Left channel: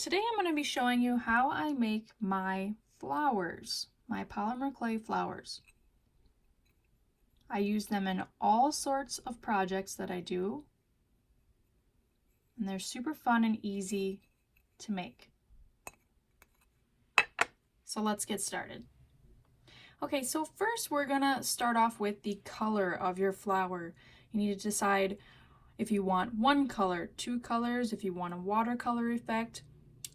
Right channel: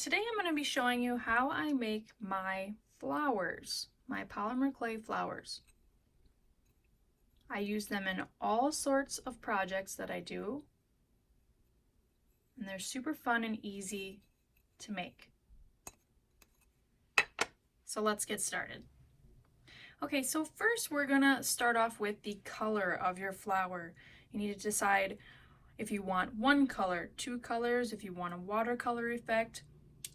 today I'm going to be showing you how I make my flowers, my polymer clay flowers. I use them in all sorts of projects that I do, and they're super fun and easy to make. So let's get started. Okay, so first we're going to start off with the color of your flower. You need to decide if you want one color, two colors, if you want a watercolor effect.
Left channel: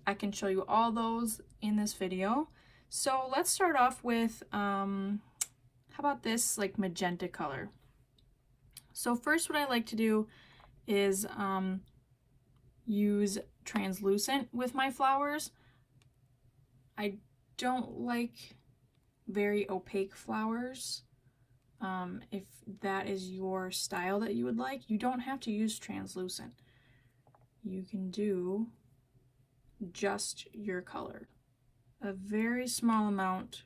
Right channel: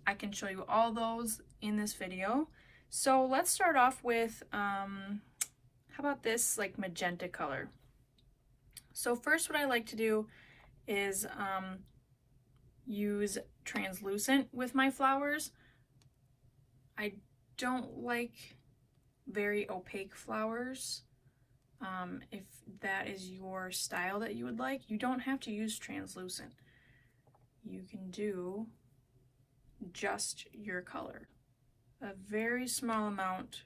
I can show you all those in this video. So let's start off with, how about this like magenta color? So first what I like to do is use translucent with my flowers. I don't like very opaque flowers. If that is your style that you would like, you don't have to use translucent. You can do just your color, a very small amount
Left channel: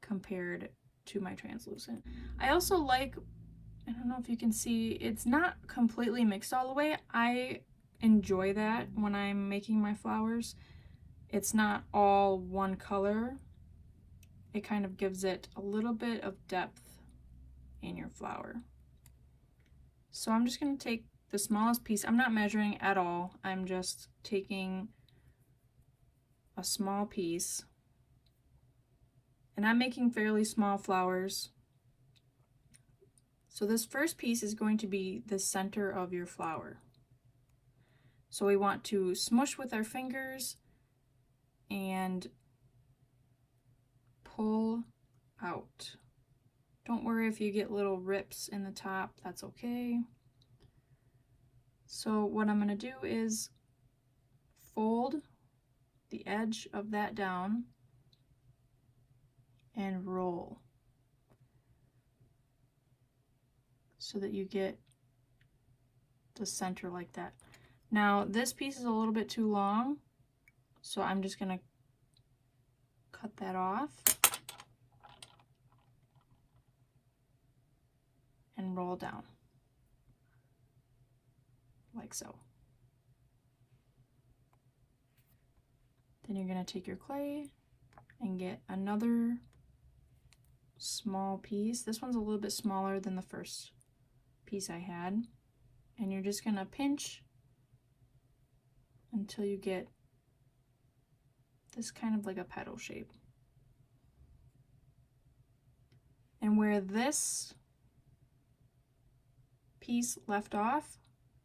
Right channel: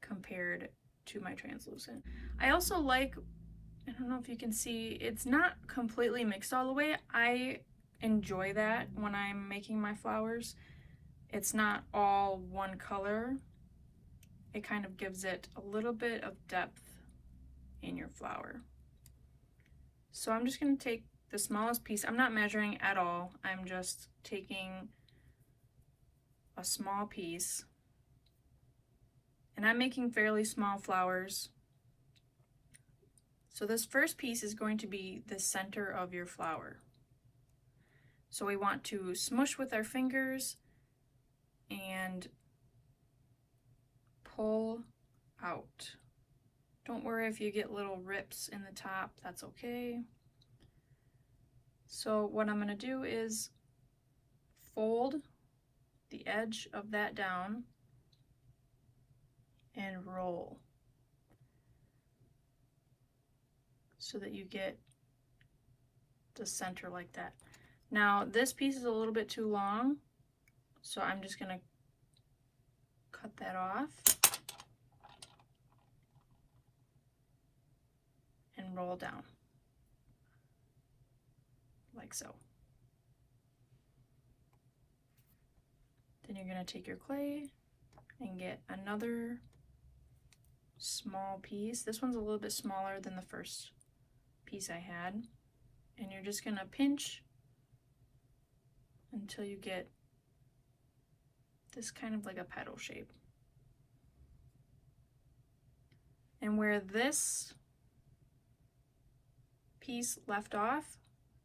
compared to my translucent. I also like, I don't know if you can see, it's not completely mixed all the way. I enjoy that when I'm making my flowers. It's not all one color. It kind of gives it a little bit of depth in your flower. So I'm just going to take the smallest piece. I'm not measuring at all. I'm just taking a small piece. And I'm making fairly small flowers. So this first piece is going to be the center of your flower. So we want to smush with our fingers and pull out. Don't worry if you get little rips in the top, that's okay. So what I'm going to do is fold the edge of that down and roll so that you get the center like that. Now this piece is a little bit too long, so I'm just going to cut that off and roll down like so. Then you're going to take your clay and get another small piece. This one's a little bit smaller than the first piece I had, and you're just going to pinch until you get this kind of like a petal shape. And where this piece left off,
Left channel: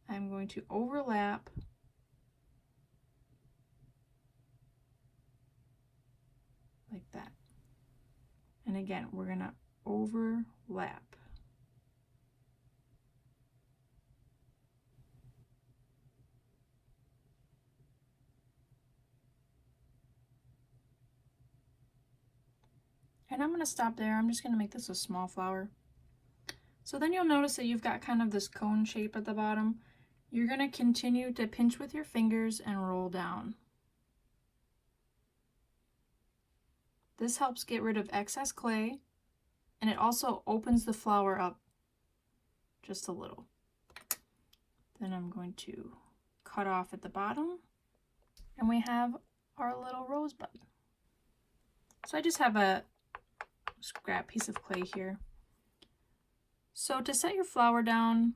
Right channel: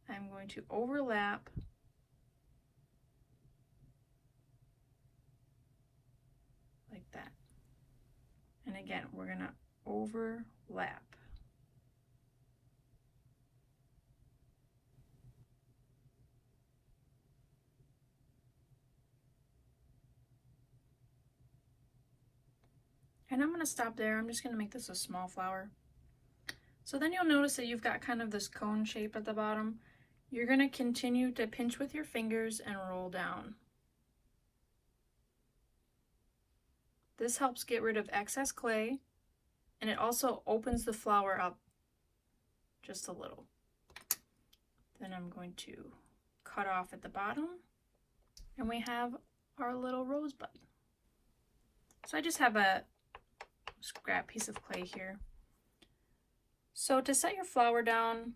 I'm going to overlap like that. And again, we're going to overlap. And I'm going to stop there. I'm just going to make this a small flower. So then you'll notice that you've got kind of this cone shape at the bottom. You're going to continue to pinch with your fingers and roll down. This helps get rid of excess clay, and it also opens the flower up just a little. Then I'm going to cut off at the bottom, and we have our little rosebud. So I just have a scrap piece of clay here. So to set your flower down,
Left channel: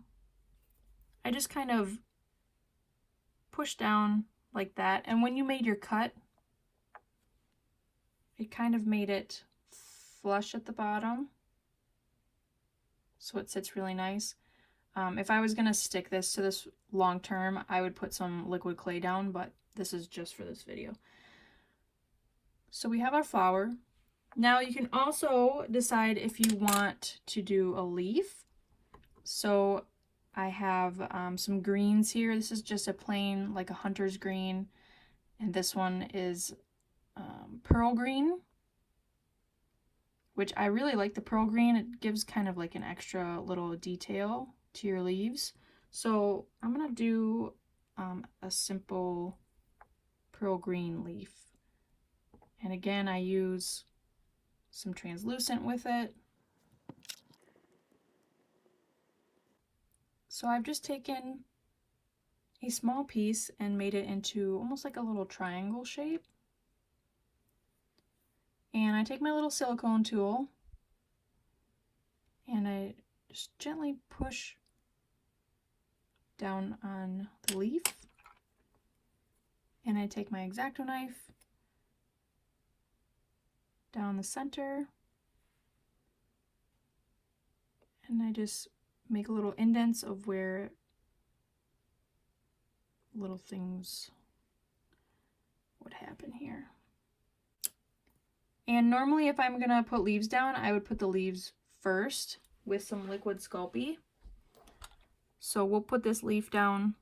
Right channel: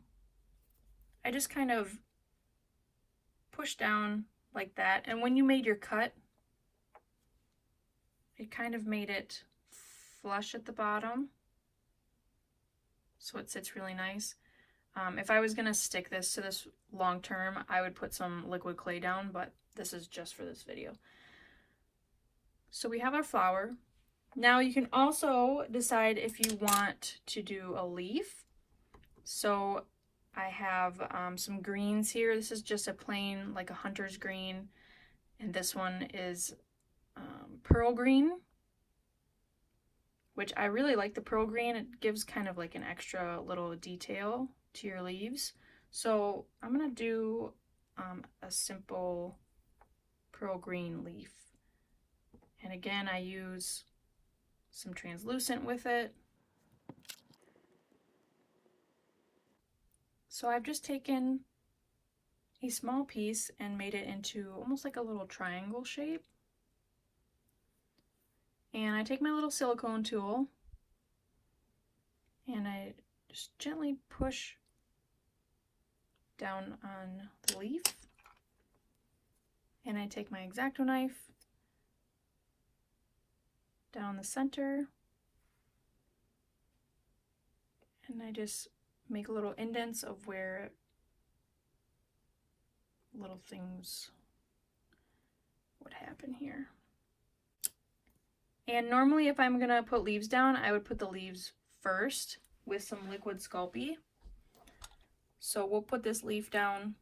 I just kind of push down like that, and when you made your cut, it kind of made it flush at the bottom, so it sits really nice. If I was going to stick this to this long term, I would put some liquid clay down, but this is just for this video. So we have our flower. Now you can also decide if you want to do a leaf. So I have some greens here. This is just a plain, like a hunter's green, and this one is pearl green, which I really like the pearl green. It gives kind of like an extra little detail to your leaves. So I'm gonna do a simple pearl green leaf. And again, I use some translucent with it. So I've just taken a small piece and made it into almost like a little triangle shape. And I take my little silicone tool and I just gently push down on the leaf. And I take my X-Acto knife down the center and I just make little indents of where little things would happen here. And normally if I'm gonna put leaves down, I would put the leaves first with some liquid Sculpey. So we'll put this leaf down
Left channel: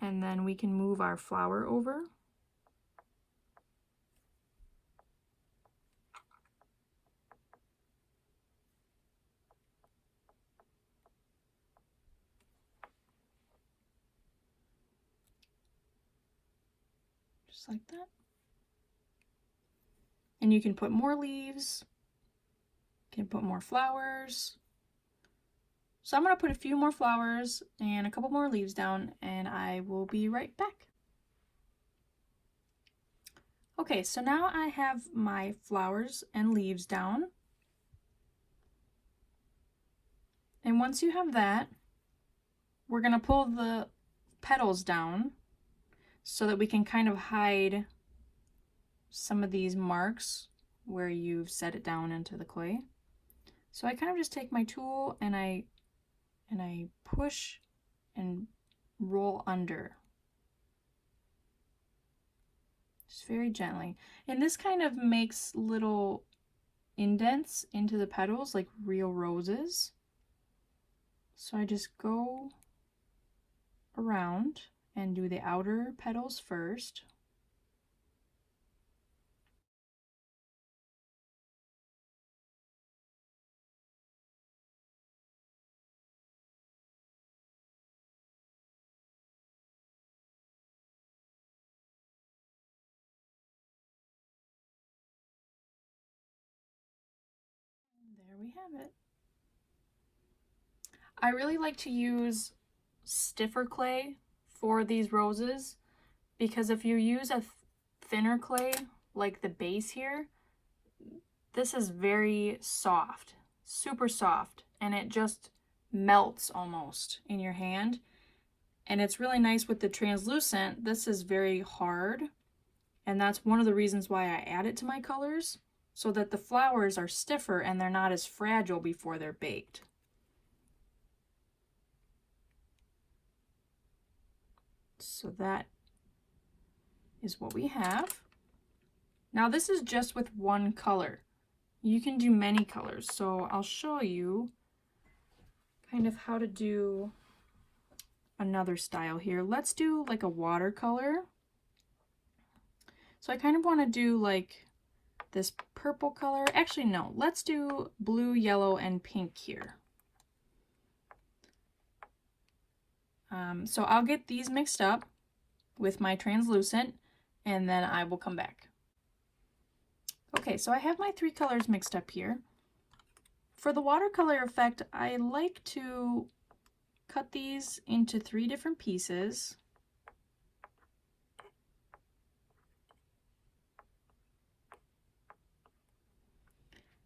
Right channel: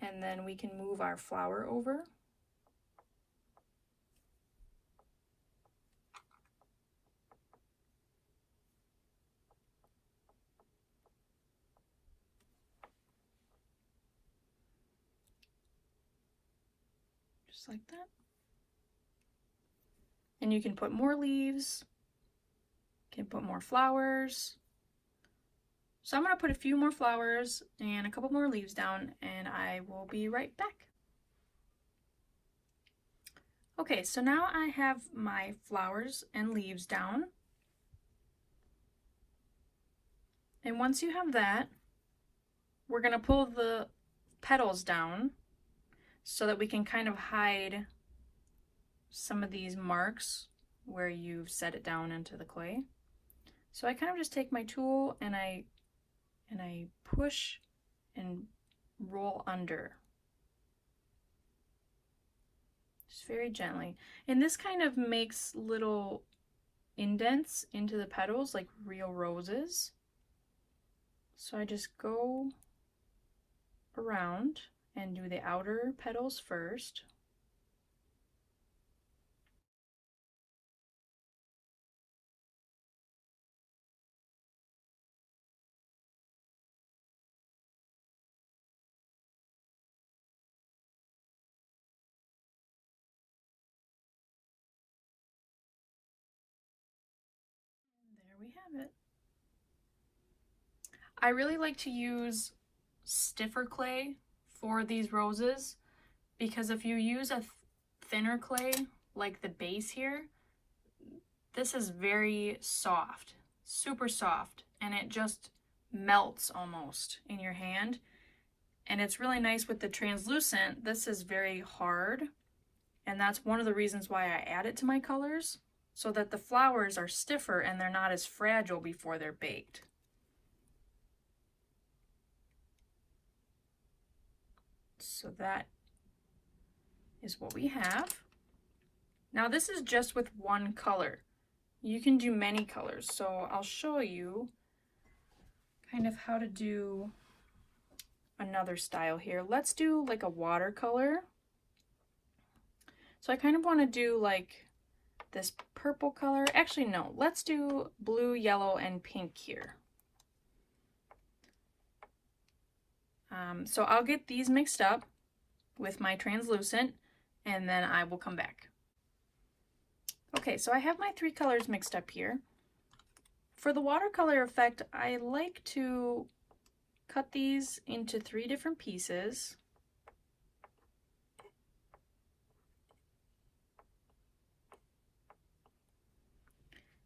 and then we can move our flower over. Just like that. And you can put more leaves, you can put more flowers. So I'm going to put a few more flowers and a couple more leaves down and I will be right back. Okay, so now I have my flowers and leaves down. And once you have that, we're going to pull the petals down so that we can kind of hide some of these marks where you've set it down into the clay. So I kind of just take my tool and I push and roll under. Just very gently. And this kind of makes little indents into the petals like real roses. So I just go around and do the outer petals first. There we have it. I really like to use stiffer clay for these roses because if you use a thinner clay like the base here, this is very soft, super soft, and it just melts almost in your hand. And it's really nice with the translucent. This is very hard, and that's one of the reasons why I add it to my colors, so that the flowers are stiffer and they're not as fragile before they're baked. So that is what we have. Now this is just with one color. You can do many colors, so I'll show you kind of how to do another style here. Let's do like a watercolor. So I kind of want to do like this purple color. Actually, no, let's do blue, yellow, and pink here. So I'll get these mixed up with my translucent and then I will come back. Okay, so I have my three colors mixed up here. For the watercolor effect, I like to cut these into 3 different pieces.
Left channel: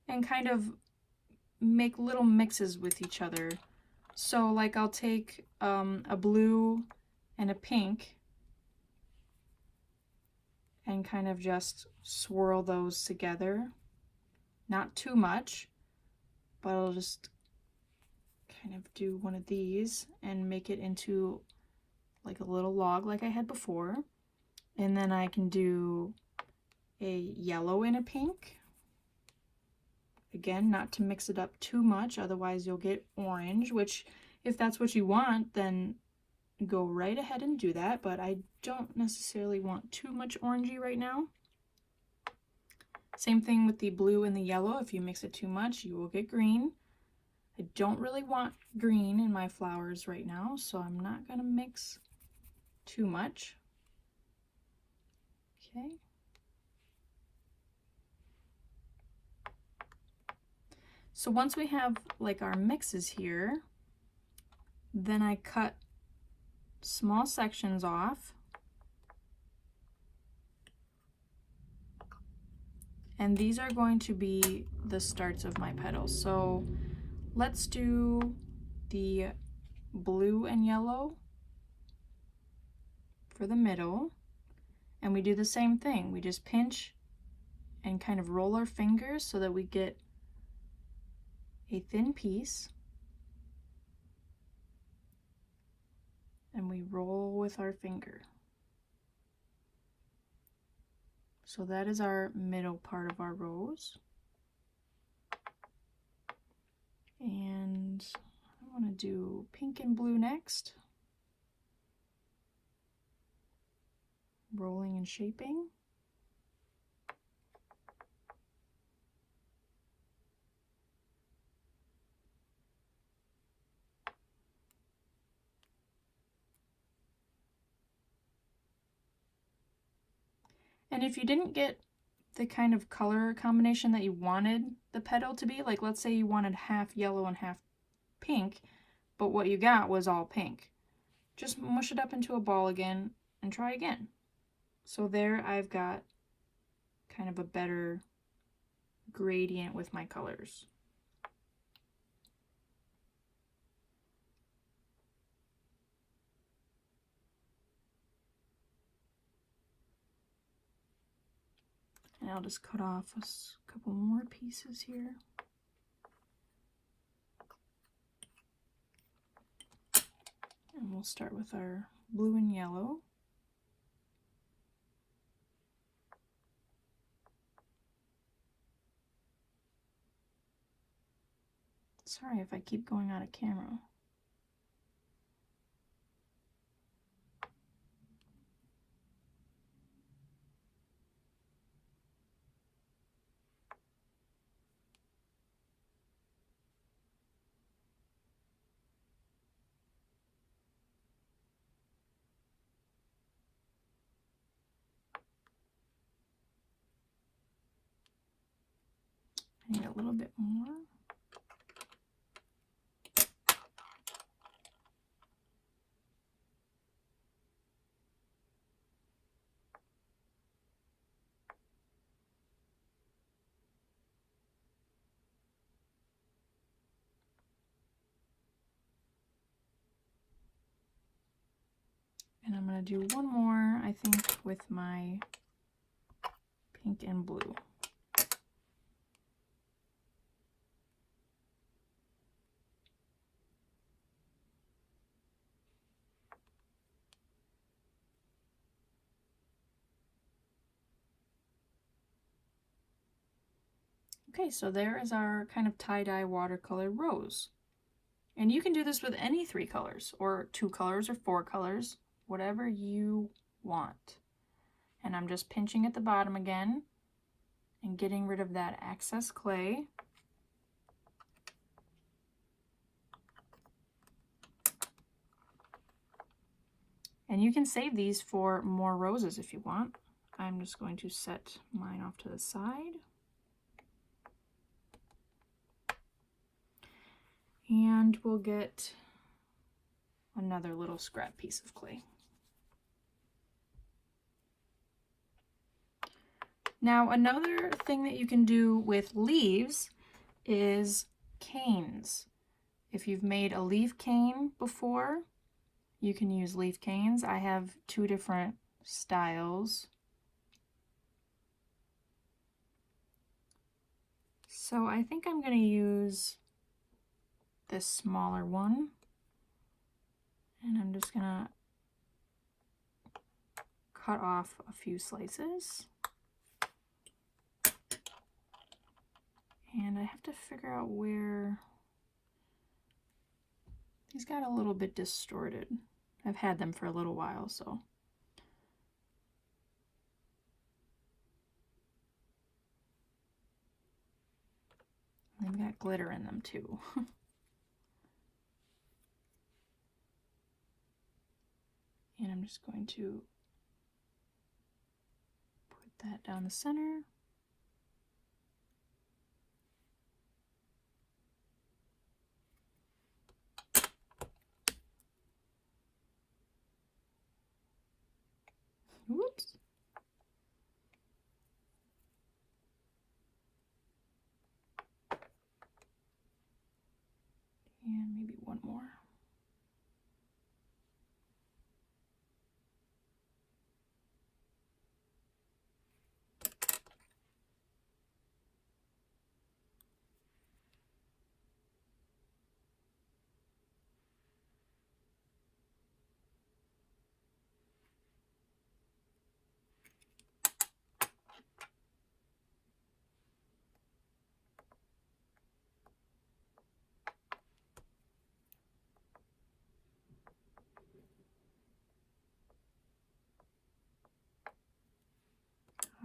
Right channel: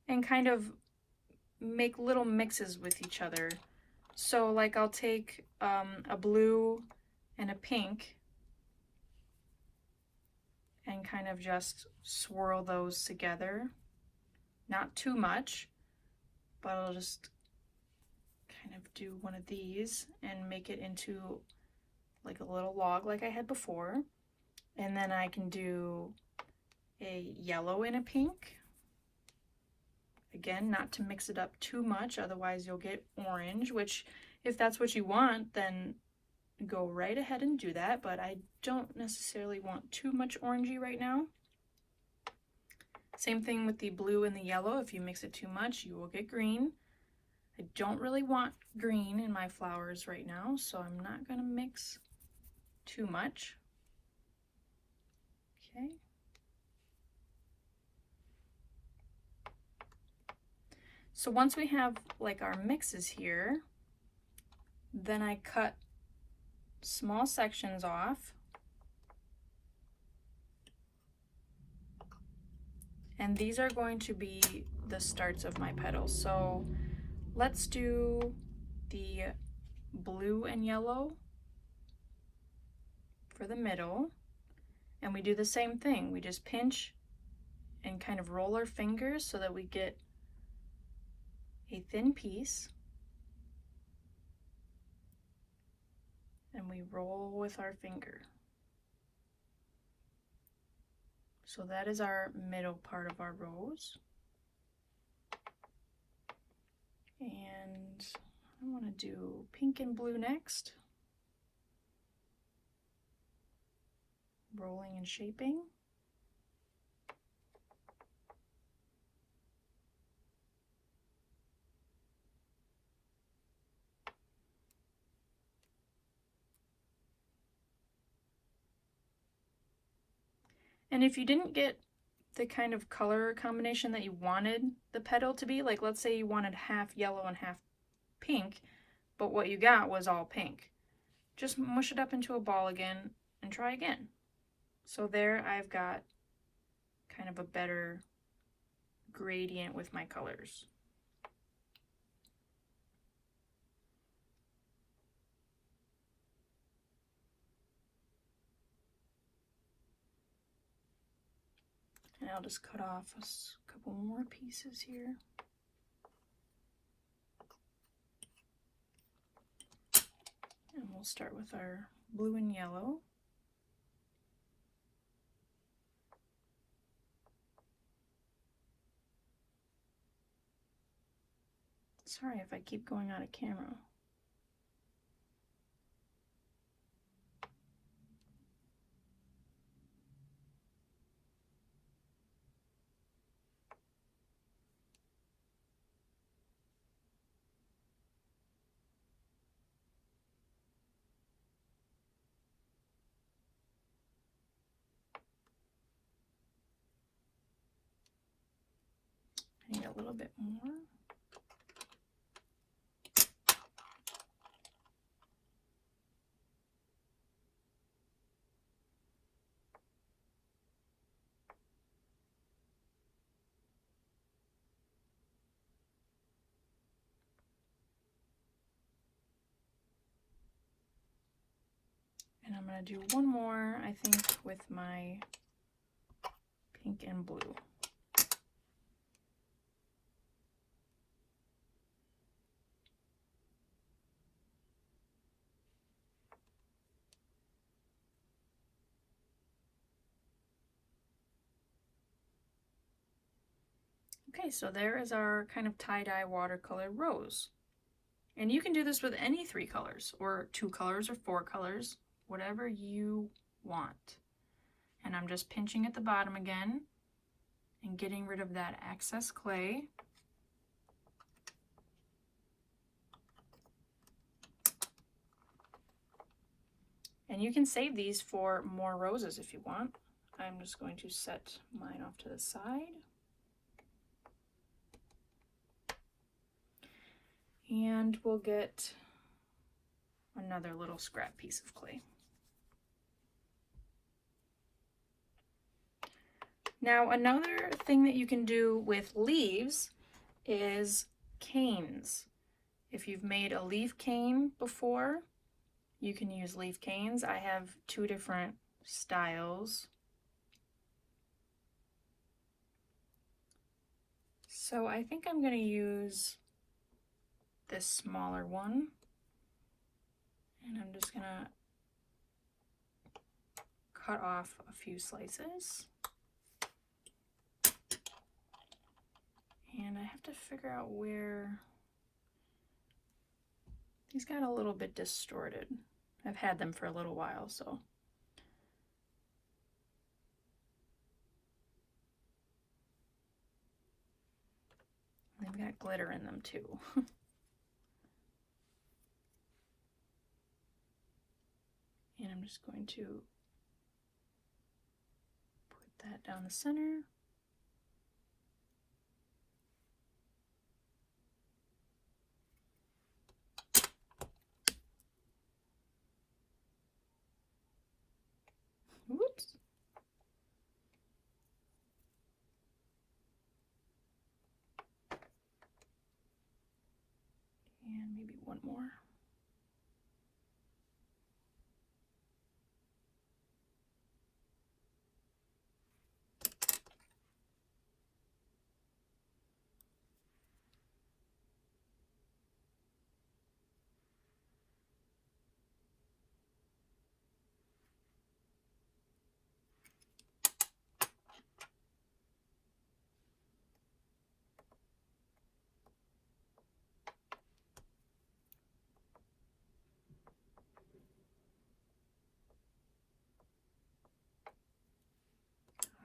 And kind of make little mixes with each other. So like I'll take a blue and a pink and kind of just swirl those together. Not too much, but I'll just kind of do one of these and make it into like a little log like I had before. And then I can do a yellow and a pink. Again, not to mix it up too much, otherwise you'll get orange, which if that's what you want, then go right ahead and do that, but I don't necessarily want too much orangey right now. Same thing with the blue and the yellow. If you mix it too much, you will get green. I don't really want green in my flowers right now, so I'm not going to mix too much. Okay. So once we have like our mixes here, Then I cut small sections off. And these are going to be the starts of my petals. So let's do the blue and yellow for the middle. And we do the same thing. We just pinch and kind of roll our fingers so that we get a thin piece. And we roll with our finger. So that is our middle part of our rose. And I want to do pink and blue next. Rolling and shaping. And if you didn't get the kind of color combination that you wanted the petal to be, like let's say you wanted half yellow and half pink, but what you got was all pink, just mush it up into a ball again and try again. So there I've got kind of a better gradient with my colors. And I'll just cut off a couple more pieces here. And we'll start with our blue and yellow. Sorry if I keep going out of camera. I need a little bit more. And I'm going to do one more, I think, with my pink and blue. Okay, so there is our kind of tie-dye watercolor rose. And you can do this with any 3 colors, or 2 colors, or 4 colors, whatever you want. And I'm just pinching at the bottom again and getting rid of that excess clay. And you can save these for more roses if you want. I'm just going to set mine off to the side. And we'll get another little scrap piece of clay. Now, another thing that you can do with leaves is canes. If you've made a leaf cane before, you can use leaf canes. I have 2 different styles. So I think I'm going to use this smaller one, and I'm just gonna cut off a few slices. And I have to figure out where these got a little bit distorted. I've had them for a little while, so. They've got glitter in them too. And I'm just going to put that down the center. Whoops. And maybe one more.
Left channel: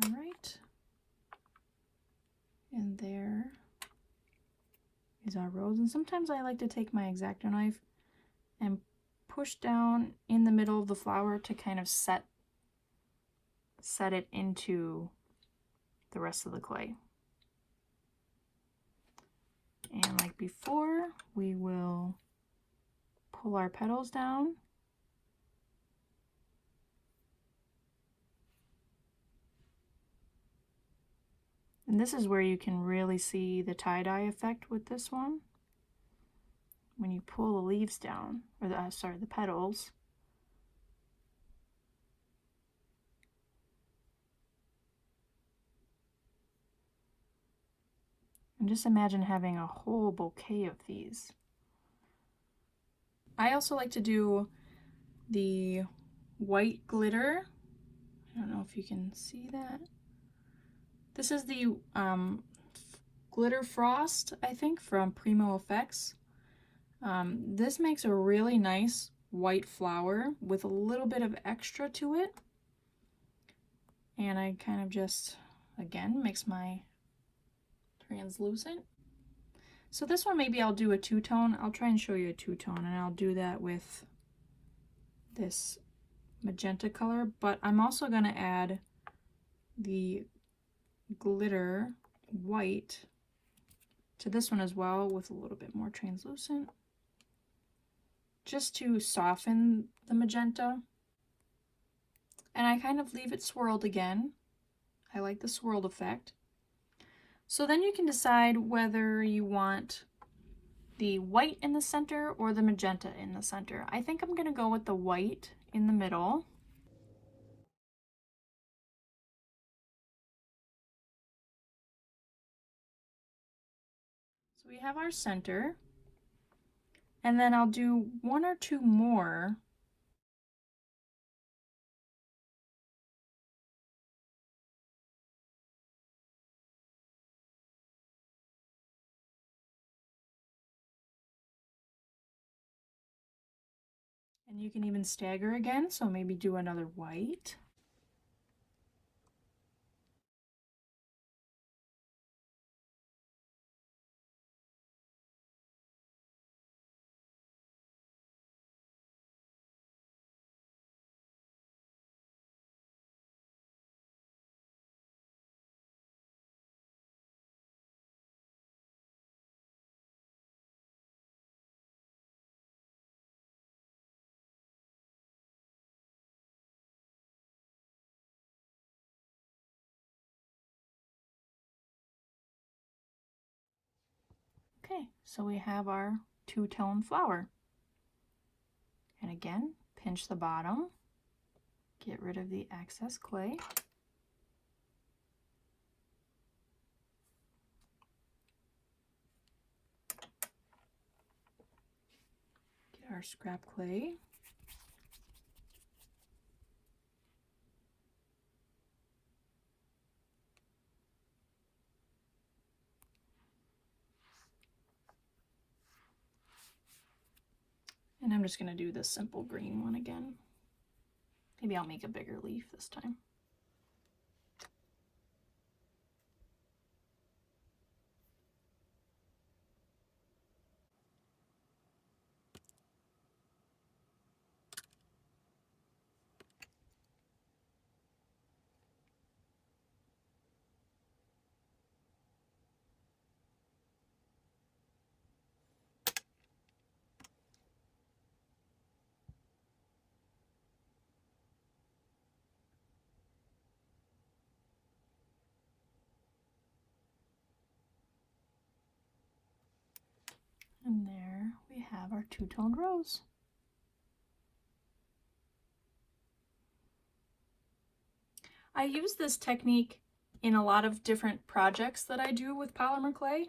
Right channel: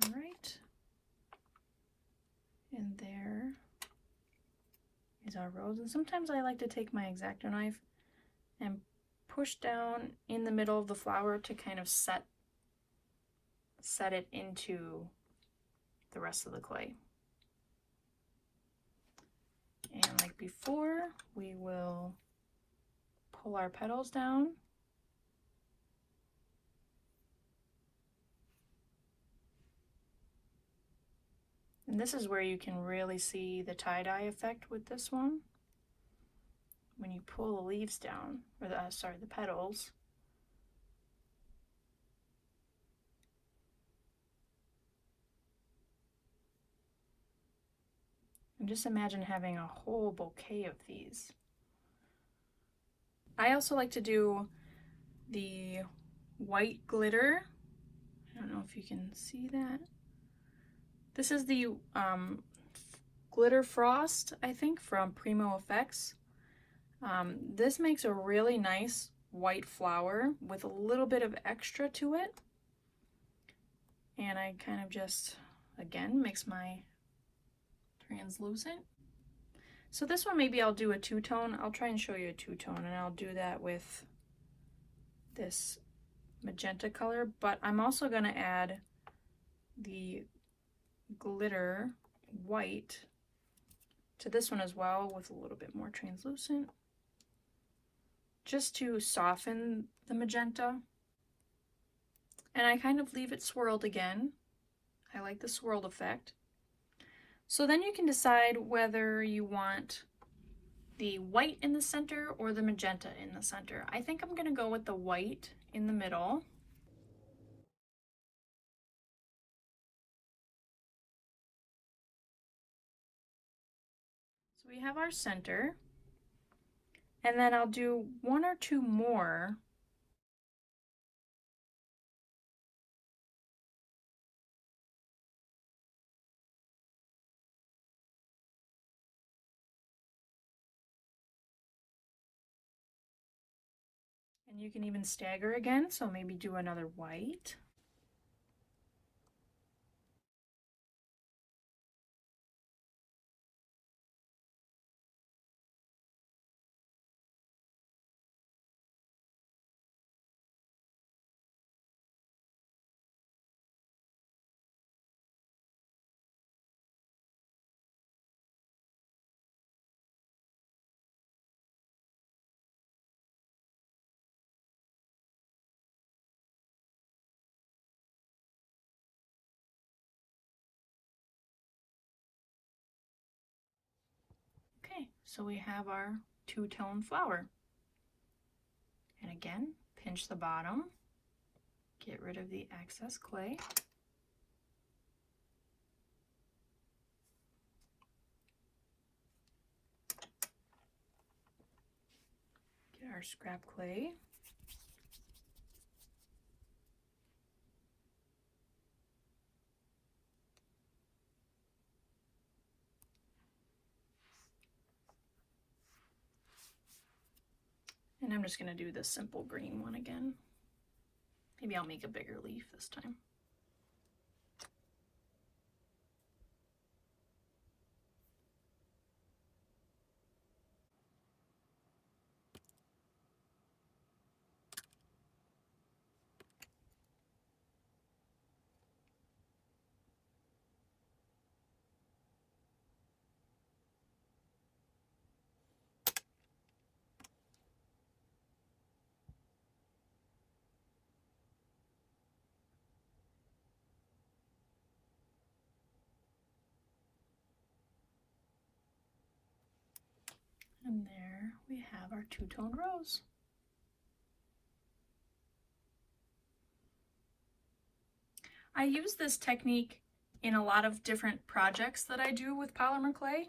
All right. And there is our rose. And sometimes I like to take my X-Acto knife and push down in the middle of the flower to kind of set it into the rest of the clay. And like before, we will pull our petals down. And this is where you can really see the tie-dye effect with this one. When you pull the leaves down, or the petals. And just imagine having a whole bouquet of these. I also like to do the white glitter. I don't know if you can see that. This is the glitter frost, I think, from Primo Effects. This makes a really nice white flower with a little bit of extra to it. And I kind of just, again, mix my translucent. So this one, maybe I'll do a two-tone. I'll try and show you a two-tone, and I'll do that with this magenta color, but I'm also going to add the glitter white to this one as well with a little bit more translucent, just to soften the magenta. And I kind of leave it swirled again. I like the swirled effect. So then you can decide whether you want the white in the center or the magenta in the center. I think I'm going to go with the white in the middle. So we have our center, and then I'll do one or two more . And you can even stagger again, so maybe do another white. Okay, so we have our two-tone flower. And again, pinch the bottom, get rid of the excess clay. Get our scrap clay. And I'm just going to do this simple green one again. Maybe I'll make a bigger leaf this time. have our two-toned rose. I use this technique in a lot of different projects that I do with polymer clay.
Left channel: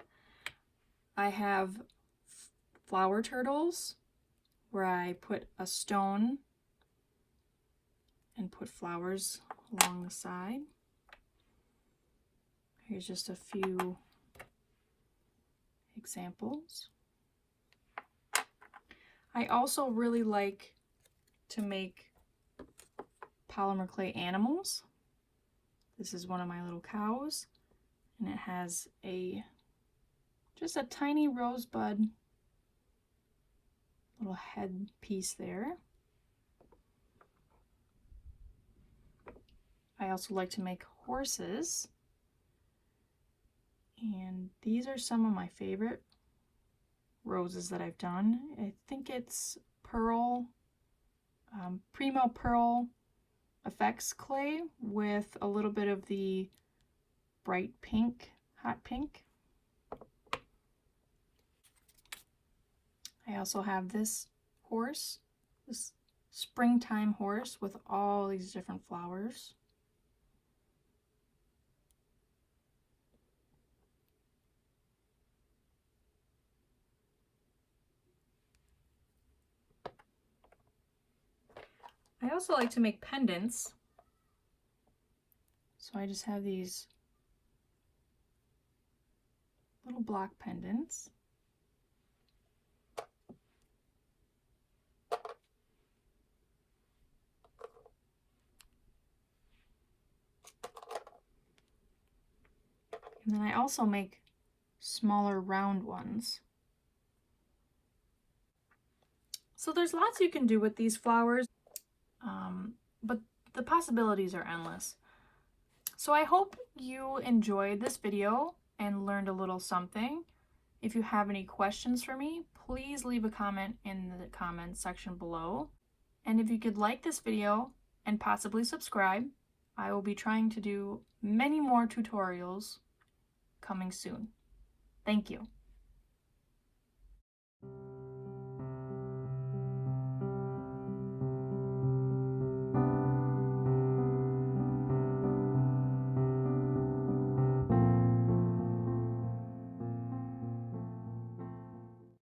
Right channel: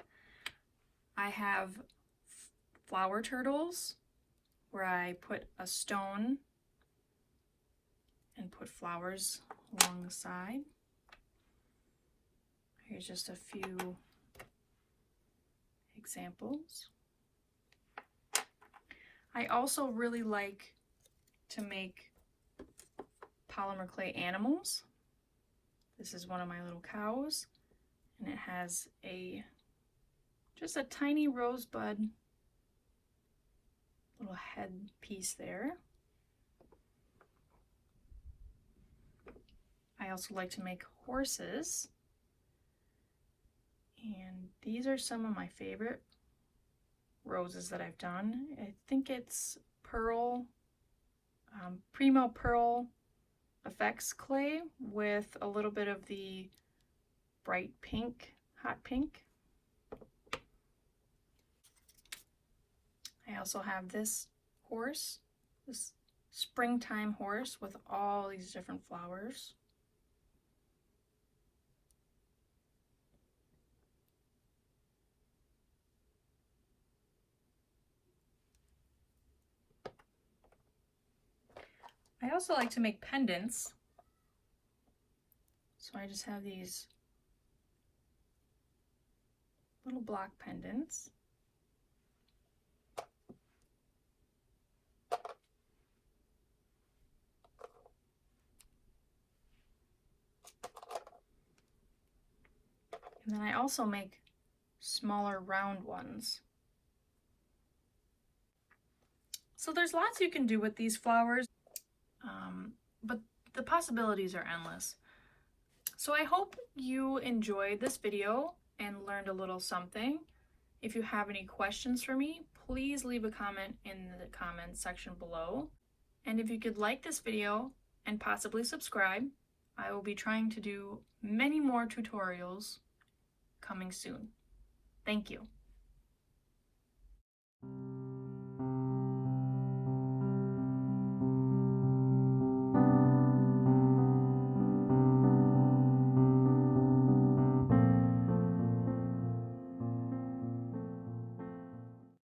I have flower turtles where I put a stone and put flowers along the side. Here's just a few examples. I also really like to make polymer clay animals. This is one of my little cows, and it has just a tiny rosebud little head piece there. I also like to make horses, and these are some of my favorite roses that I've done. I think it's Pearl, Primo Pearl Effects clay with a little bit of the bright pink, hot pink. I also have this horse, this springtime horse with all these different flowers. I also like to make pendants. So I just have these little block pendants. And then I also make smaller round ones. So there's lots you can do with these flowers, but the possibilities are endless. So I hope you enjoyed this video and learned a little something. If you have any questions for me, please leave a comment in the comments section below. And if you could like this video and possibly subscribe, I will be trying to do many more tutorials coming soon. Thank you.